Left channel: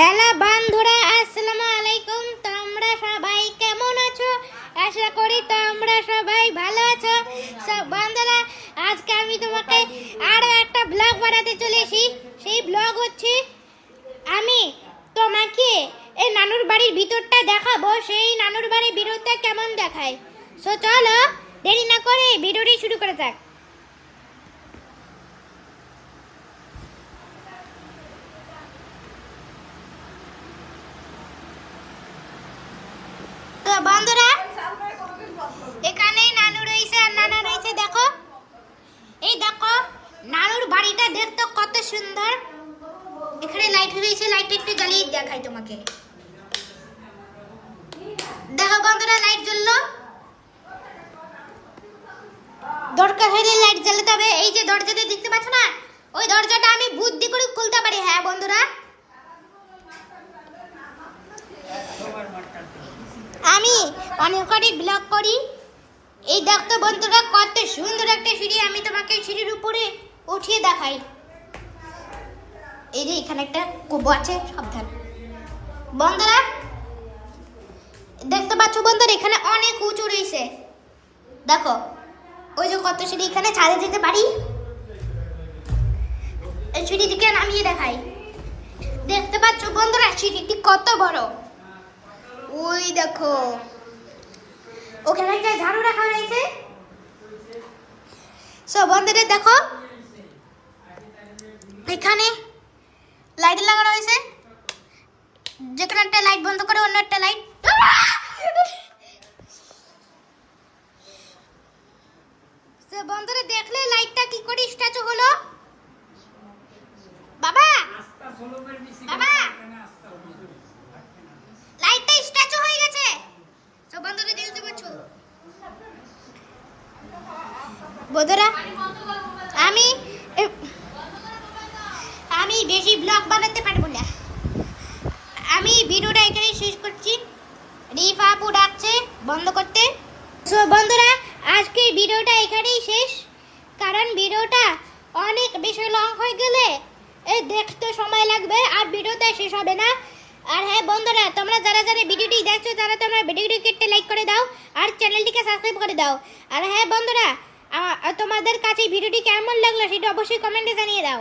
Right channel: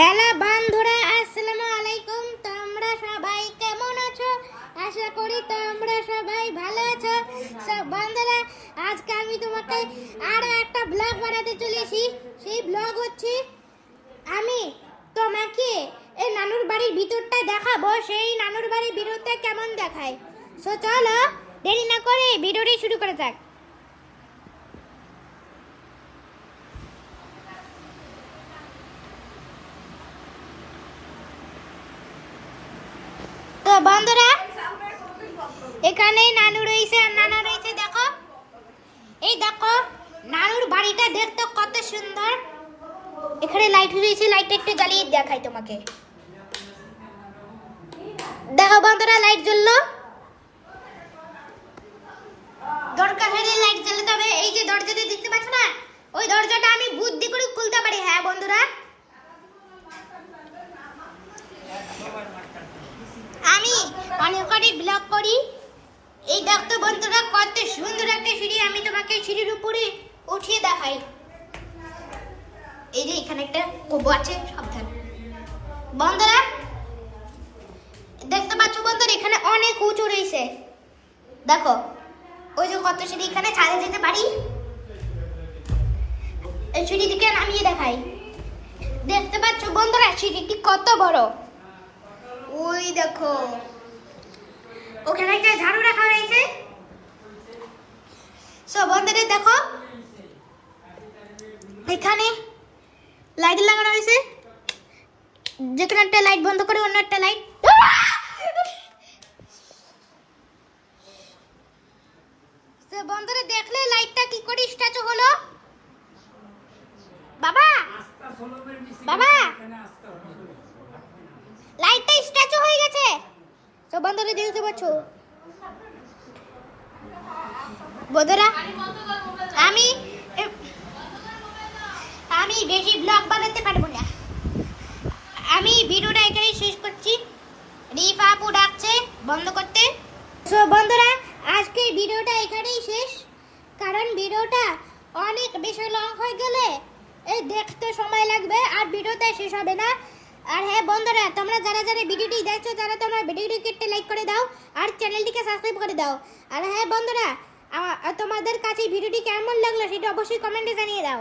Hello বন্ধুরা, আসসালামু আলাইকুম। তোমরা সবাই কেমন আছো? আশা করি তোমরা সবাই ভালো আছো। সব বন্ধুরা, আজকে আমি তোমাকে আরো একটা ব্লগ বানাতে চলেছি। সেই ব্লগ হচ্ছে আমি তোমাকে এই নানুর বাড়ির ভিতরটা দেখাবো। সেই নানুর বাড়ির ভিতরটা কেমন দেখায়। সো চলো দেরি না করে ভিডিওটি শুরু করা যাক। তো বন্ধুরা, এখানেই নানু রয়েছে আর নানা রয়েছে। দেখো, এই দেখো নানুর বাড়িটা দেখতে কত সুন্দর। এখানে লাইট রয়েছে, লাইট একটু জ্বালিয়ে দেখাই তোমাকে। দেখো বন্ধুরা, লাইট জ্বললো। দরকার হলে লাইট জ্বালাতে হবে। এই যে দরজাটা দেখতে পাচ্ছ না, ওই দরজাটা আমি বুদ্ধি করে খুলতে পারি। হ্যাঁ বন্ধুরা, আমি অনেক ব্লগ করি। এই দেখতো বন্ধুরা, কত সুন্দর একটা সিঁড়ি। আমি তোমাকে সিঁড়ির উপরে উঠিয়ে দেখাই। এই যে এখানে একটা কবু আছে, সাবধান। বন্ধুরা দেখতে পাচ্ছ বন্ধুরা, এখানে অনেক উঁচু রয়েছে। দেখো ওই যে কত সিঁড়ি, এখানে ছাদে যেতে পারি। এই সিঁড়ি দিকে নামিয়ে দেখাই। দেখতে পাচ্ছ বন্ধুরা, সিঁড়িটি কত বড়। ওই দেখো ওখানে একটা ঝাড়ু রাখা রয়েছে। সো বন্ধুরা দেখো, এখানে লাইট লাগানো হয়েছে। যেখানে একটা লাইট বন্ধ করে অন্য একটা লাইট। সো বন্ধুরা দেখলে লাইটটা কি করে স্ট্যাচু হলো। বাবা বাবা, লাইটটা স্ট্যাচু হয়ে গেছে। তো বন্ধুরা দেখতে পাচ্ছ বন্ধুরা, আমি বেশি ব্লগ বানাতে পারবো না। আমি ভিডিওটা এখানেই শেষ করছি। রিফা আপু ডাকছে বন্ধ করতে। তো বন্ধুরা, আজকে ভিডিওটা এখানেই শেষ, কারণ ভিডিওটা অনেক বেশি লং হয়ে গেলে এই দেখতে সময় লাগবে আর ভিডিওটা শেষ হবে না। আর হ্যাঁ বন্ধুরা, তোমরা যারা যারা ভিডিওটি দেখছো তারা তোমরা ভিডিওটিকে একটা লাইক করে দাও আর চ্যানেলটিকে সাবস্ক্রাইব করে দাও। আর হ্যাঁ বন্ধুরা, তোমাদের কাছে ভিডিওটি কেমন লাগলো সেটা অবশ্যই কমেন্টে জানিয়ে দাও।